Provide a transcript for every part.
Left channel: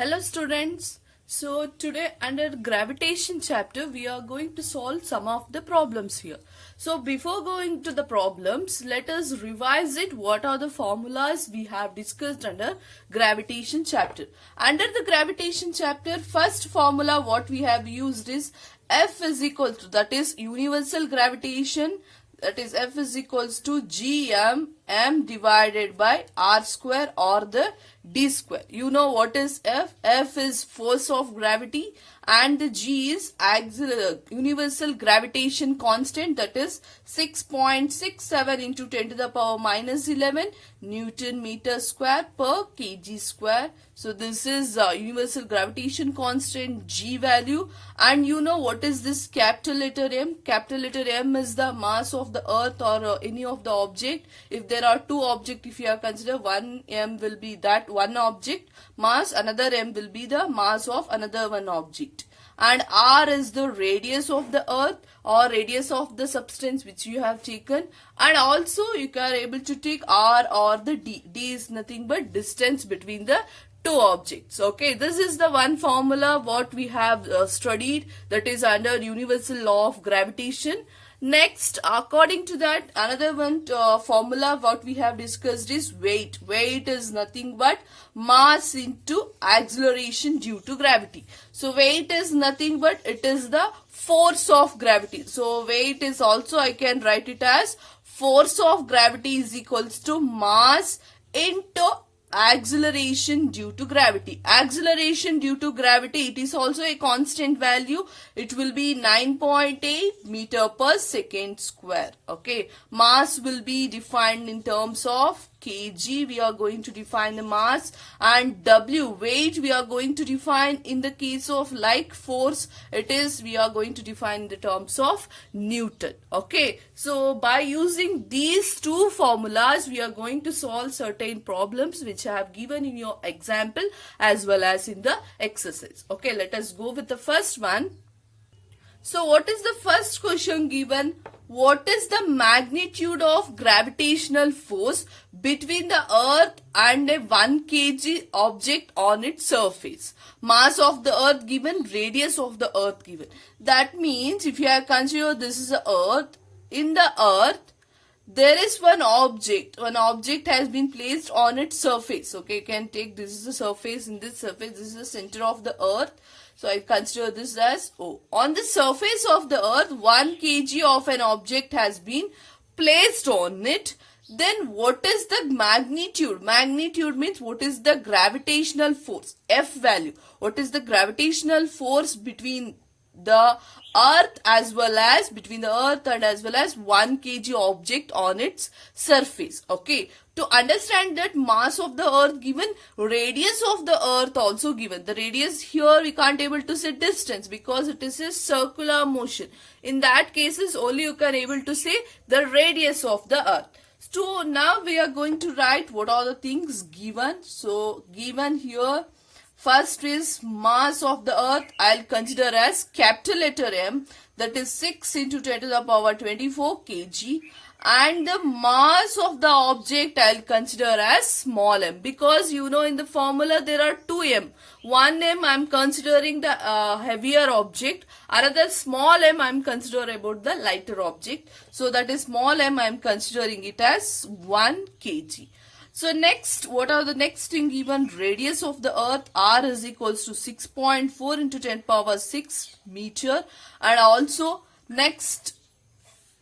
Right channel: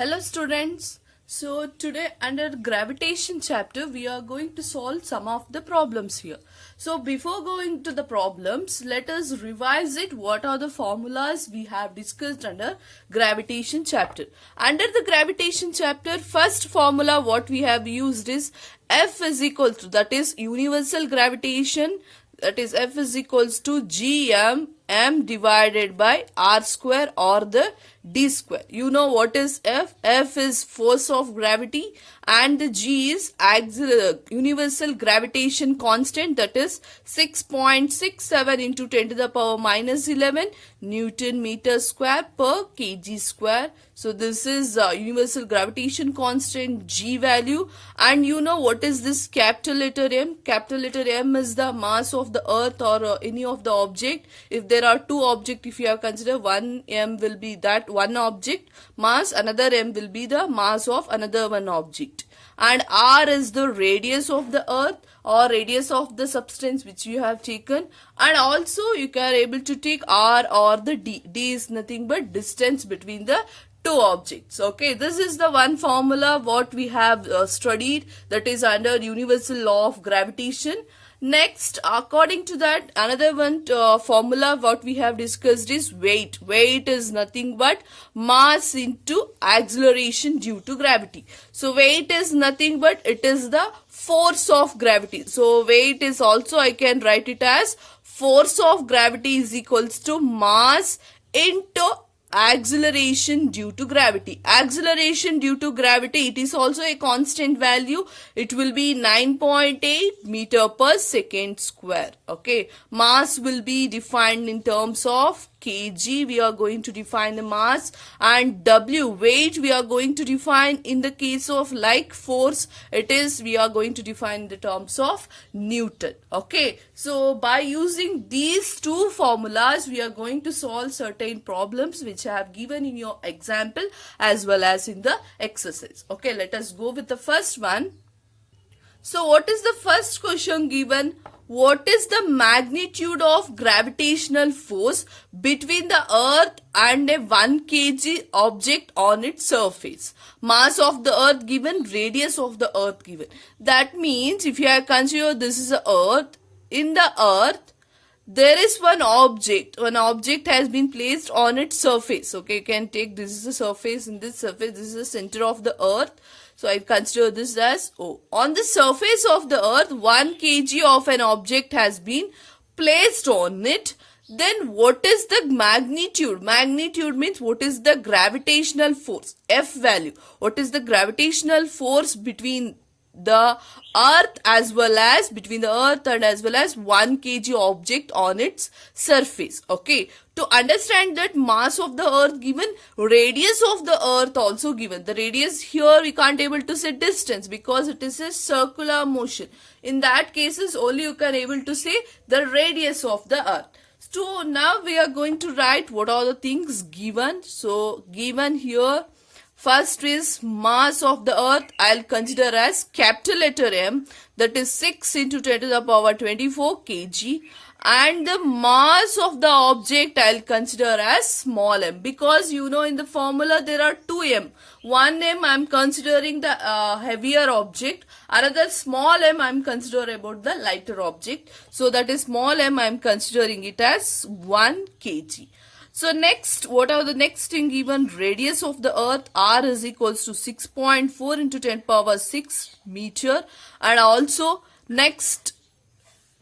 Hello students. So today under gravitation chapter we are going to solve some of the problems here. So before going to the problems, let us revise it. What are the formulas we have discussed under gravitation chapter? Under the gravitation chapter, first formula what we have used is F is equal to, that is universal gravitation, that is F is equals to gm m divided by r square or the d square. You know what is F? F is force of gravity and the g is universal gravitation constant, that is 6.67 into 10 to the power minus 11 Newton meter square per kg square. So this is universal gravitation constant g value. And you know what is this capital letter M? Capital letter M is the mass of the earth or any of the object. If there are two objects, if you have considered, one M will be that one object mass, another M will be the mass of another one object. And R is the radius of the earth or radius of the substance which you have taken. And also you can able to take R or the D. D is nothing but distance between the two objects. Okay, this is the one formula what we have studied, that is under universal law of gravitation. Next, according to that, another one formula what we have discussed is weight. Weight is nothing but mass into acceleration due to gravity. So weight is nothing but it is the force of gravity. So weight is also, I can write it as force of gravity is equals to mass into acceleration due to gravity. Acceleration due to gravity, it is also a constant value. It will be 9.8 meter per second square. Okay, mass will be defined in terms of kg. We are going to define the mass, and W, weight, we are going to define in the case of like force, it is we are going to define in the terms of Newton. Okay, so by using these two formulas we are going to solve certain problems which I have given in your example as well as in the exercise. Okay, let us go with the first one. So what is the first question given? What is the magnitude of gravitational force between the earth and a 1 kg object on its surface? Mass of the earth given, radius of the earth given. That means if you have considered this is the earth, in the earth there is one object has been placed on its surface. Okay, you can take this is the surface, in this surface this is the center of the earth. So I consider this as O. On the surface of the earth, 1 kg of an object has been placed on it. Then what is the magnitude? Magnitude means what is the gravitational force? F value. What is the gravitational force between the earth as well as between the earth and as well as 1 kg object on its surface? Okay, to understand that mass of the earth given, radius of the earth also given. The radius here we can't able to say distance because it is a circular motion. In that cases only you can able to say the radius of the earth. So now we are going to write what are the things given. So given here, first is mass of the earth, I'll consider as capital letter M, that is 6 into 10 to the power 24 kg. And the mass of the object I'll consider as small m, because you know in the formula there are 2 m. 1 m I'm considering the heavier object, another small m I'm considering about the lighter object. So that is small m I'm considering it as 1 kg. So next, what are the next thing given? Radius of the earth, R is equals to 6.4 into 10 power 6 meter. And also next,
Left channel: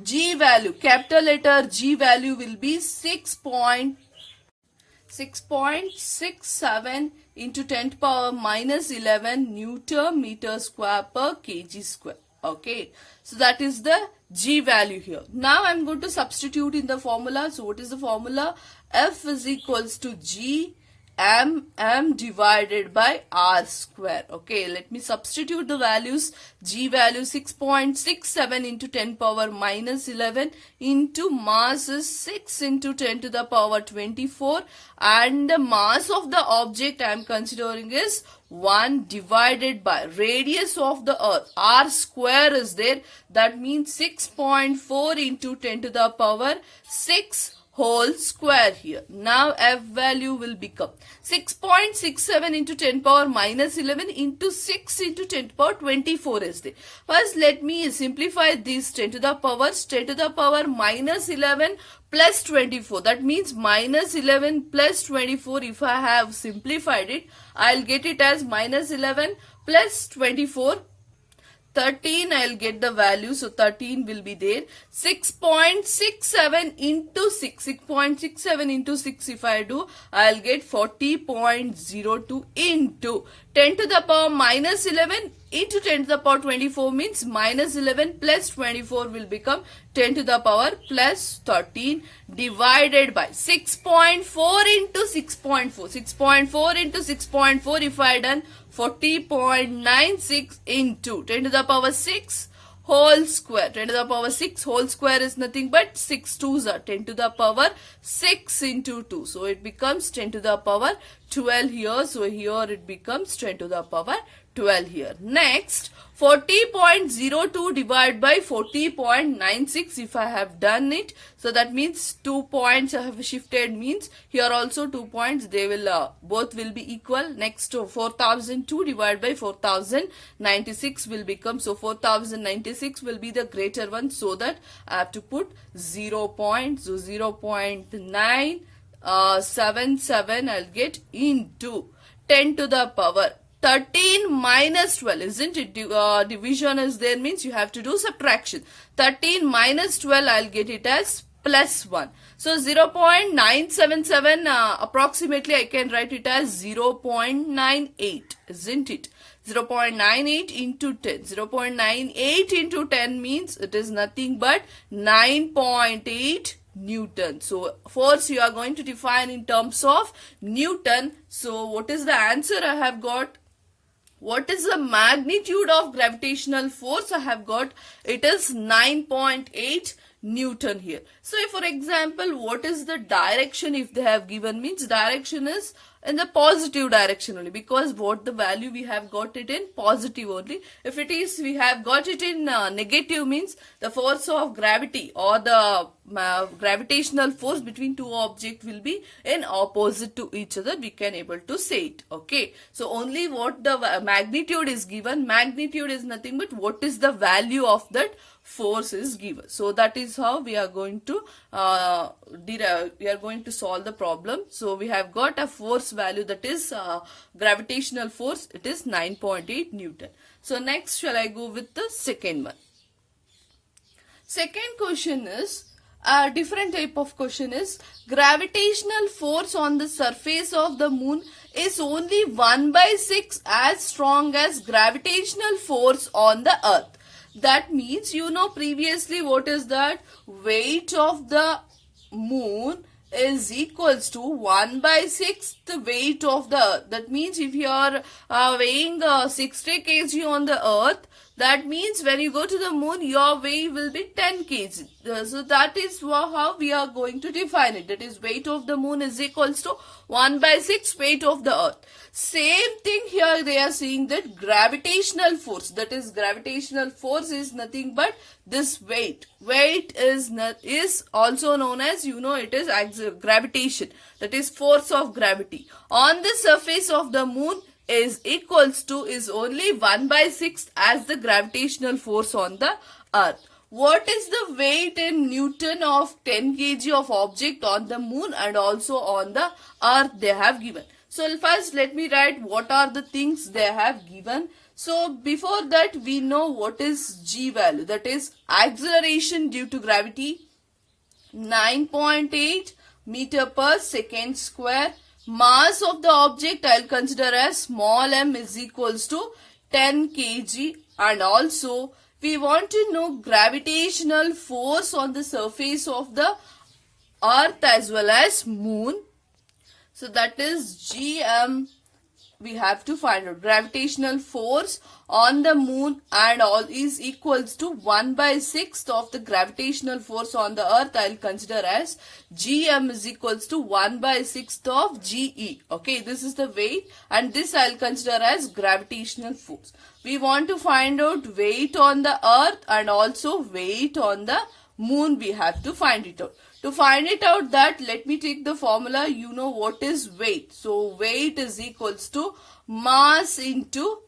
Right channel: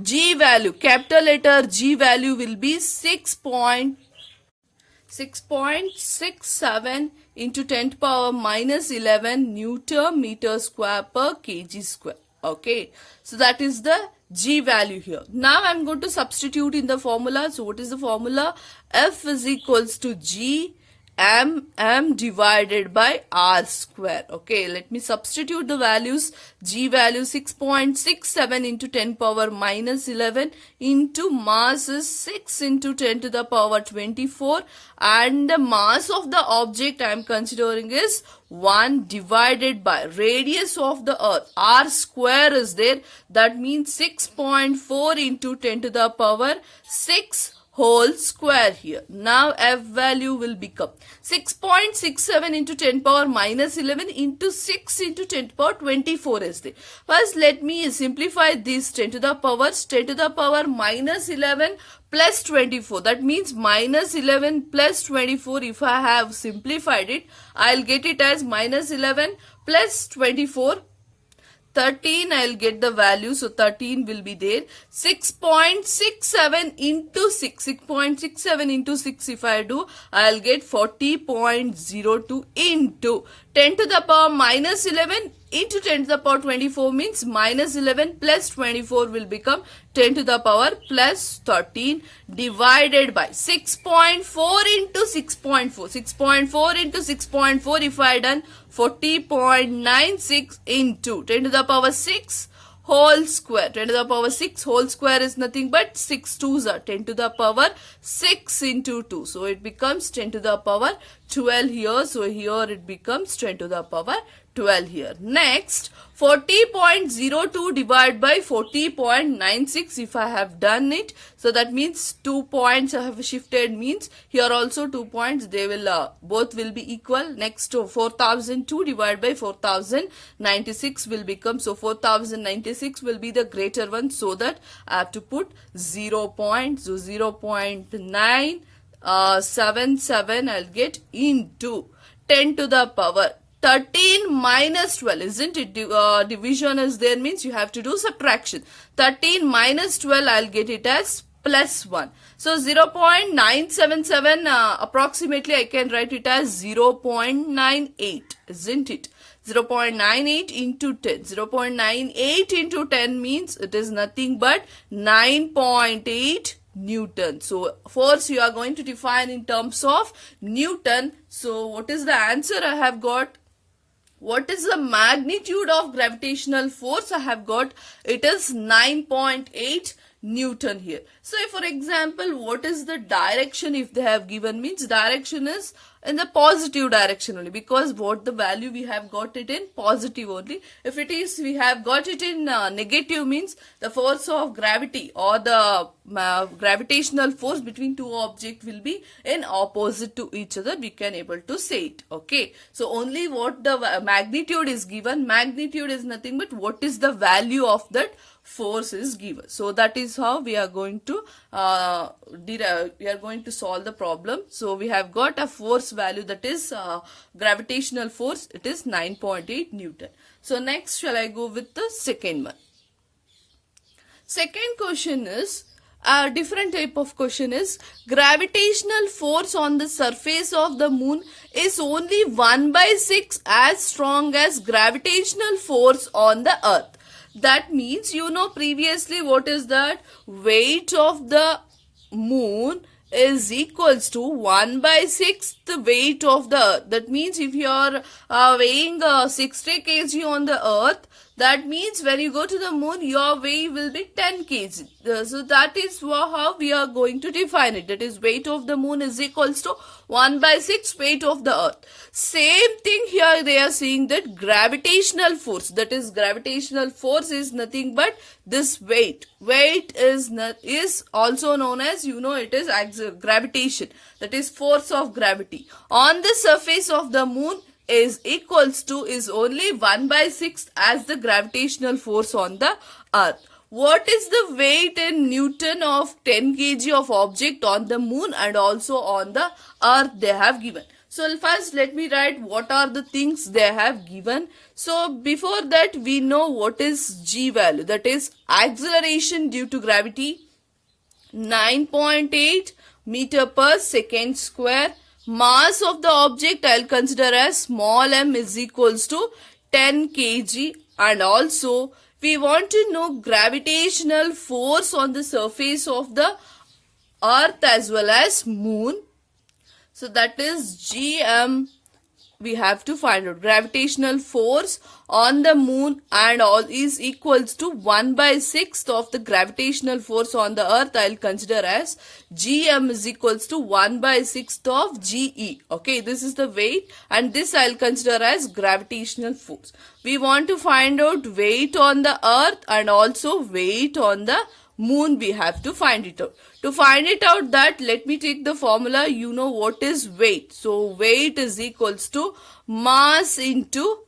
G value, capital letter G value will be 6.67 into 10 to power minus 11 Newton meter square per kg square. Okay, so that is the G value here. Now I'm going to substitute in the formula. So what is the formula? F is equals to G m divided by r square. Okay, let me substitute the values. G value 6.67 into 10 power minus 11 into mass is 6 into 10 to the power 24, and the mass of the object I am considering is 1 divided by radius of the earth, r square is there, that means 6.4 into 10 to the power 6 whole square here. Now F value will become 6.67 into 10 power minus 11 into 6 into 10 power 24 is there. First let me simplify this 10 to the power minus 11 plus 24. That means minus 11 plus 24. If I have simplified it, I'll get it as minus 11 plus 24. 13 I'll get the value, so 13 will be there. 6.67 into 6, 6.67 into 6 if I do, I'll get 40.02 into 10 to the power minus 11 into 10 to the power 24 means minus 11 plus 24 will become 10 to the power plus 13 divided by 6.4 into 6.4. 6.4 into 6.4 if I done 40.96 into 10 to the power 6 whole square. 10 to the power 6 whole square is nothing but 6 2s are 10 to the power 6 into 2. So it becomes 10 to the power 12 here. So here it becomes 10 to the power 12 here. Next, 40.02 divided by 40.96 if I have done it. So that means 2 points I have shifted, means here also 2 points, they will both will be equal. Next to 4002 divided by 4096 will become, so 4096 will be the greater one, so that I have to put 0.977 I'll get into 10 to the power 13 minus 12, isn't it? Division is there, means you have to do subtraction. 13 minus 12, I'll get it as plus 1. So 0.977 approximately I can write it as 0.98, isn't it? 0.98 into 10. 0.98 into 10 means it is nothing but 9.8 Newton. So force you are going to define in terms of Newton. So what is the answer I have got? What is the magnitude of gravitational force I have got? It is 9.8 Newton here. So if for example, what is the direction if they have given, means direction is in the positive direction only, because what the value we have got it in positive only. If it is we have got it in negative, means the force of gravity or the gravitational force between two objects will be in opposite to each other, we can able to say it. Okay, so only what the magnitude is given, magnitude is nothing but what is the value of that force is given. So that is how we are going to solve the problem. So we have got a force value, that is gravitational force, it is 9.8 Newton. So next shall I go with the second one. Second question is a different type of question is, gravitational force on the surface of the moon is only 1/6 as strong as gravitational force on the earth. That means, you know, previously what is that? Weight of the moon is equals to 1/6 the weight of the earth. That means if you are weighing 60 kg on the earth, that means when you go to the moon, your weight will be 10 kg. So that is how we are going to define it. That is, weight of the moon is equals to 1/6 weight of the earth. Same thing here, they are saying that gravitational force, that is gravitational force is nothing but this weight. Weight is also known as, you know, it is gravitation. That is force of gravity on the surface of the moon is equals to, is only 1/6 as the gravitational force on the earth. What is the weight in Newton of 10 kg of object on the moon and also on the earth they have given? So first let me write what are the things they have given. So before that we know what is G value, that is acceleration due to gravity, 9.8 meter per second square. Mass of the object I'll consider as small m is equals to 10 kg, and also we want to know gravitational force on the surface of the earth as well as moon. So that is Gm. We have to find out gravitational force on the moon and all is equals to 1/6 of the gravitational force on the earth. I'll consider as Gm is equals to 1/6 of Ge. Okay, this is the weight and this I'll consider as gravitational force. We want to find out weight on the earth and also weight on the moon. We have to find it out. To find it out that, let me take the formula. You know what is weight. So weight is equals to mass into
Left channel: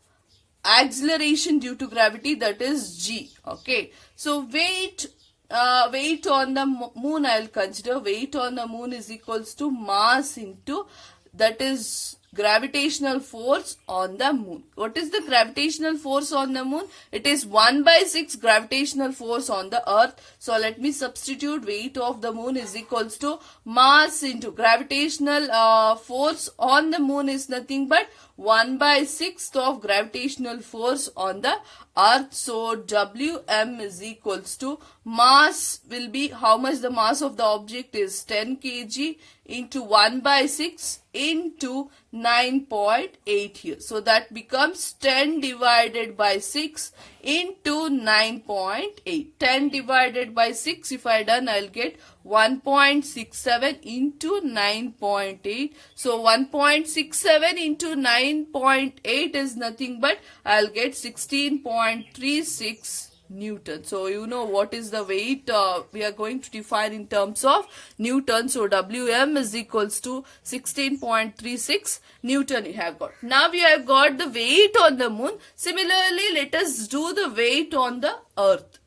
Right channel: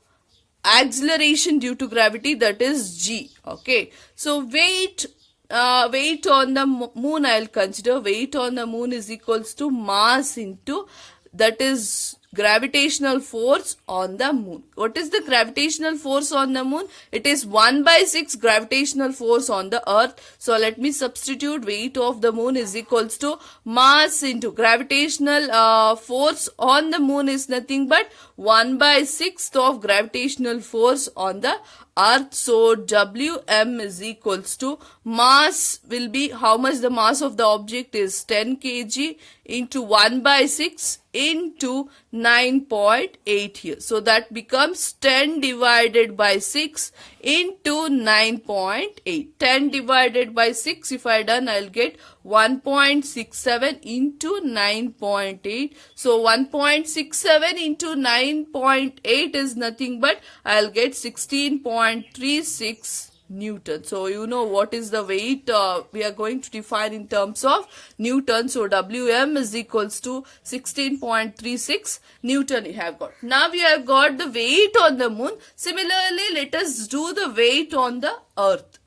acceleration due to gravity, that is g. Okay, so weight on the moon I'll consider. Weight on the moon is equals to mass into, that is, gravitational force on the moon. What is the gravitational force on the moon? It is 1/6 gravitational force on the earth. So let me substitute. Weight of the moon is equals to mass into gravitational force on the moon is nothing but 1/6 of gravitational force on the earth. So Wm is equals to, mass will be how much the mass of the object is, 10 kg into 1/6 into 9.8 here. So that becomes 10 divided by 6 into 9.8. 10 divided by 6, if I done, I'll get 1.67 into 9.8. So 1.67 into 9.8 is nothing but I'll get 16.36 Newton. So you know what is the weight we are going to define in terms of Newton. So Wm is equals to 16.36 Newton you have got. Now we have got the weight on the moon. Similarly, let us do the weight on the earth.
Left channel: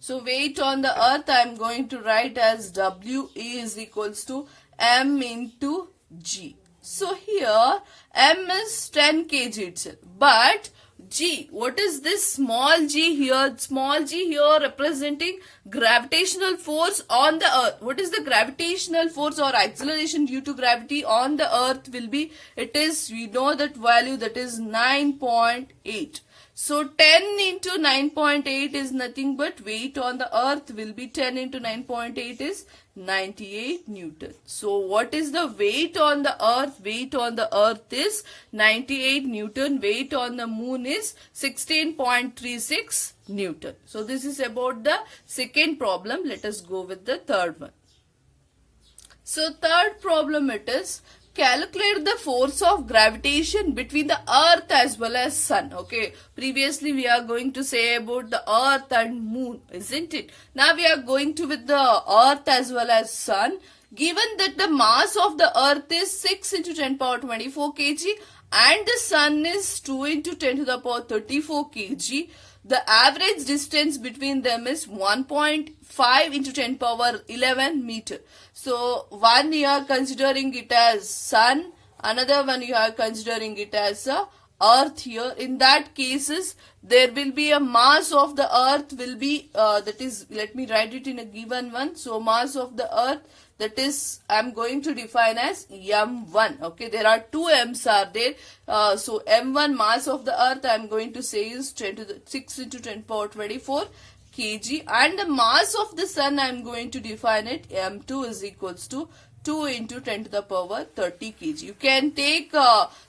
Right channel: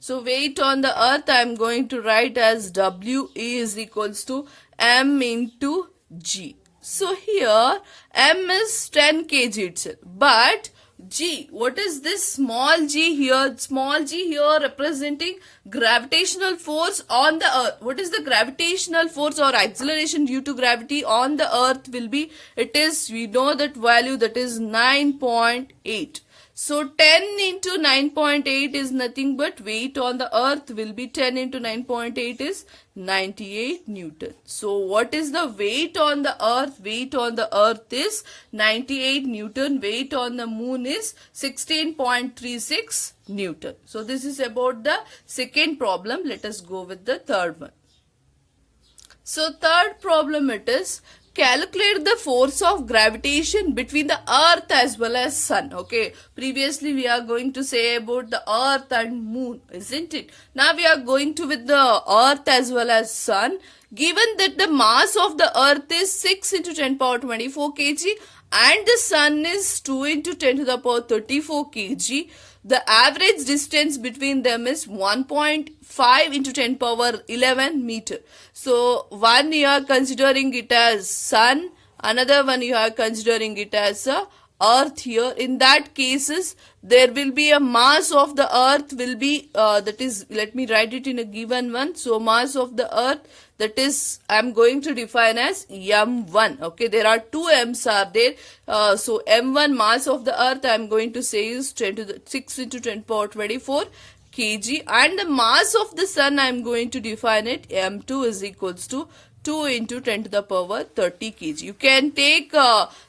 So weight on the earth I am going to write as W is equals to m into g. So here m is 10 kg itself, but g, what is this small g here? Small g here representing gravitational force on the earth. What is the gravitational force or acceleration due to gravity on the earth will be? It is, we know that value, that is 9.8. So 10 into 9.8 is nothing but weight on the earth will be 10 into 9.8 is 98 Newton. So what is the weight on the earth? Weight on the earth is 98 Newton. Weight on the moon is 16.36 Newton. So this is about the second problem. Let us go with the third one. So third problem it is, calculate the force of gravitation between the earth as well as sun. Okay, previously we are going to say about the earth and moon, isn't it? Now we are going to with the earth as well as sun. Given that the mass of the earth is 6 into 10 power 24 kg and the sun is 2 into 10 to the power 34 kg, the average distance between them is 1.5 into 10 power 11 meter. So one you are considering it as sun, another one you are considering it as a earth here. In that cases there will be a mass of the earth will be that is, let me write it in a given one. So mass of the earth, that is, I am going to define as m1. Okay, there are two m's are there. So m1 mass of the earth I am going to say is 10 to the 6 into 10 power 24 kg, and the mass of the sun I am going to define it m2 is equals to 2 into 10 to the power 30 kg. You can take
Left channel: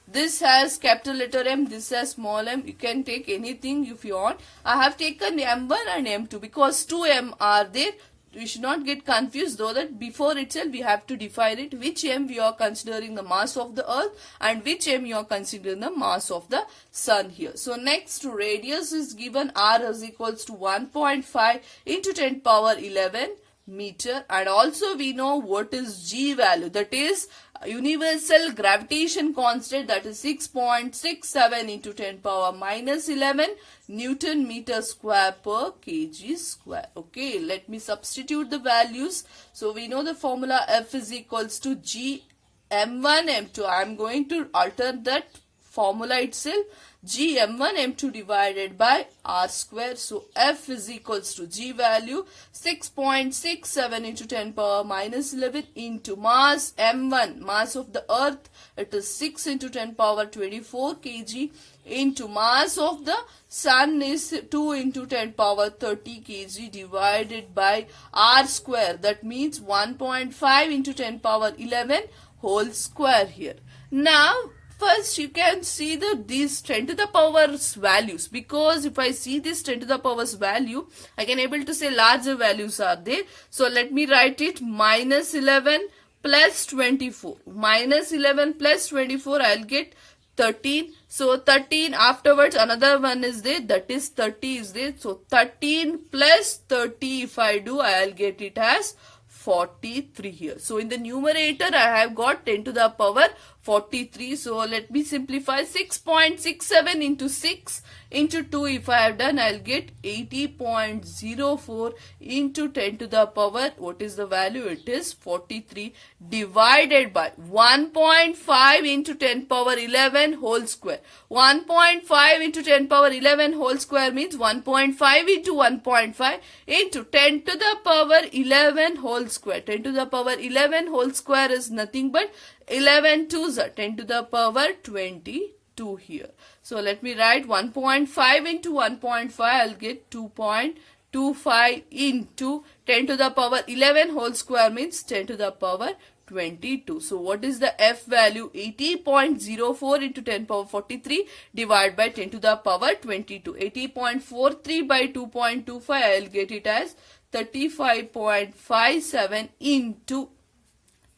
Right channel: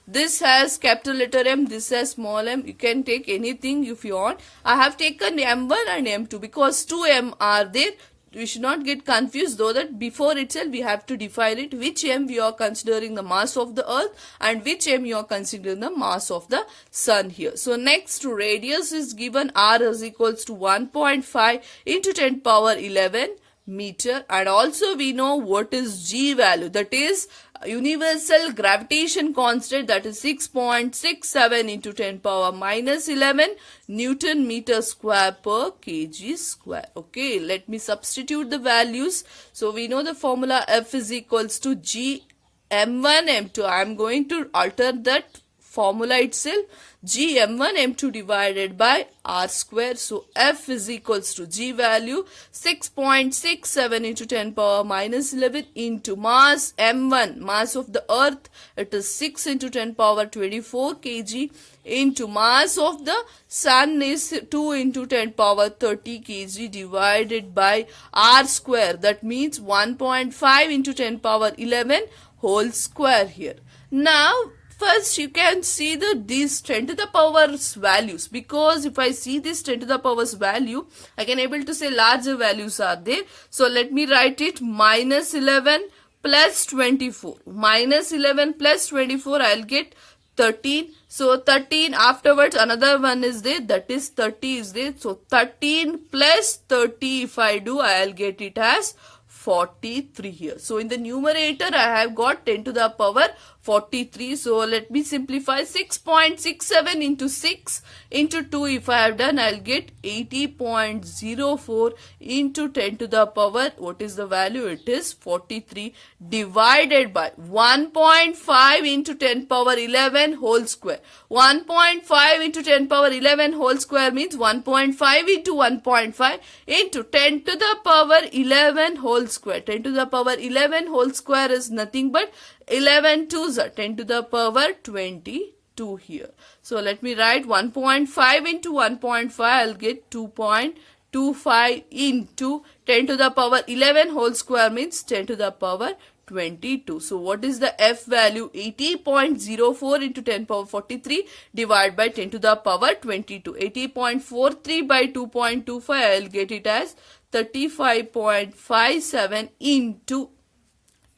this as capital letter M, this as small m. You can take anything if you want. I have taken m1 and m2 because 2m are there. We should not get confused, though, that before itself we have to define it, which m we are considering the mass of the earth and which m you are considering the mass of the sun here. So next, radius is given, r is equals to 1.5 into 10 power 11 meter, and also we know what is g value, that is universal gravitation constant, that is 6.67 into 10 power minus 11 Newton meter square per kg square. Okay, let me substitute the values. So we know the formula F is equals to G m1 m2. I am going to alter that formula itself. G m1 m2 divided by r square. So F is equals to G value 6.67 into 10 power minus 11 into mass m1, mass of the earth, it is 6 into 10 power 24 kg, into mass of the sun is 2 into 10 power 30 kg divided by r square, that means 1.5 into 10 power 11 whole square here. Now first you can see these 10 to the powers values, because if I see this 10 to the powers value, I can able to say larger values are there. So let me write it minus 11 plus 24. Minus 11 plus 24, I'll get 13. So 13, afterwards another one is there, that is 30 is there. So 13 plus 30 if I do, I'll get it as 43 here. So in the numerator I have got 10 to the power 43. So let me simplify. 6.67 into 6 into 2 if I have done, I'll get 80.04 into 10 to the power, what is the value? It is 43 divided by 1.5 into 10 power 11 whole square. 1.5 into 10 power 11 whole square means 1.5 into 1.5 into 10 to the power 11 whole square. 10 to the power 11 whole square is nothing but 11 2s are 10 to the power 22 here. So let me write 1.5 into 1.5, I'll get 2.25 into 10 to the power 11 whole square means 10 to the power 22. So what is the F value? 80.04 into 10 power 43 divided by 10 to the power 22. 80.43 by 2.25, I'll get it as 35.57 into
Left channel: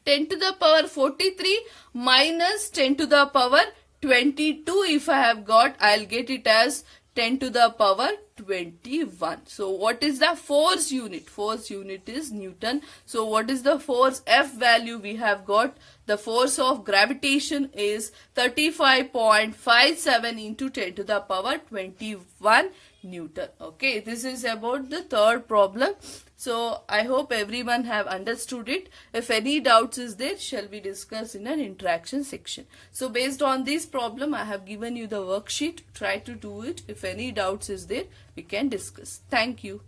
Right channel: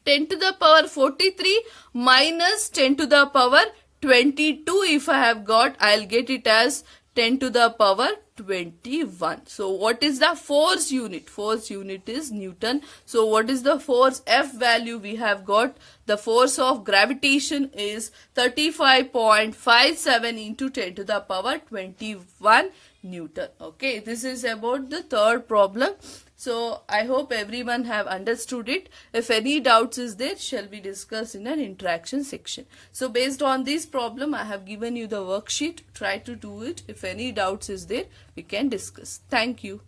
10 to the power 43 minus 10 to the power 22 if I have got, I'll get it as 10 to the power 21. So what is the force unit? Force unit is Newton. So what is the force F value we have got? The force of gravitation is 35.57 into 10 to the power 21 Newton. Okay, this is about the third problem. So I hope everyone have understood it. If any doubts is there, shall we discuss in an interaction section. So based on this problem, I have given you the worksheet. Try to do it. If any doubts is there, we can discuss. Thank you.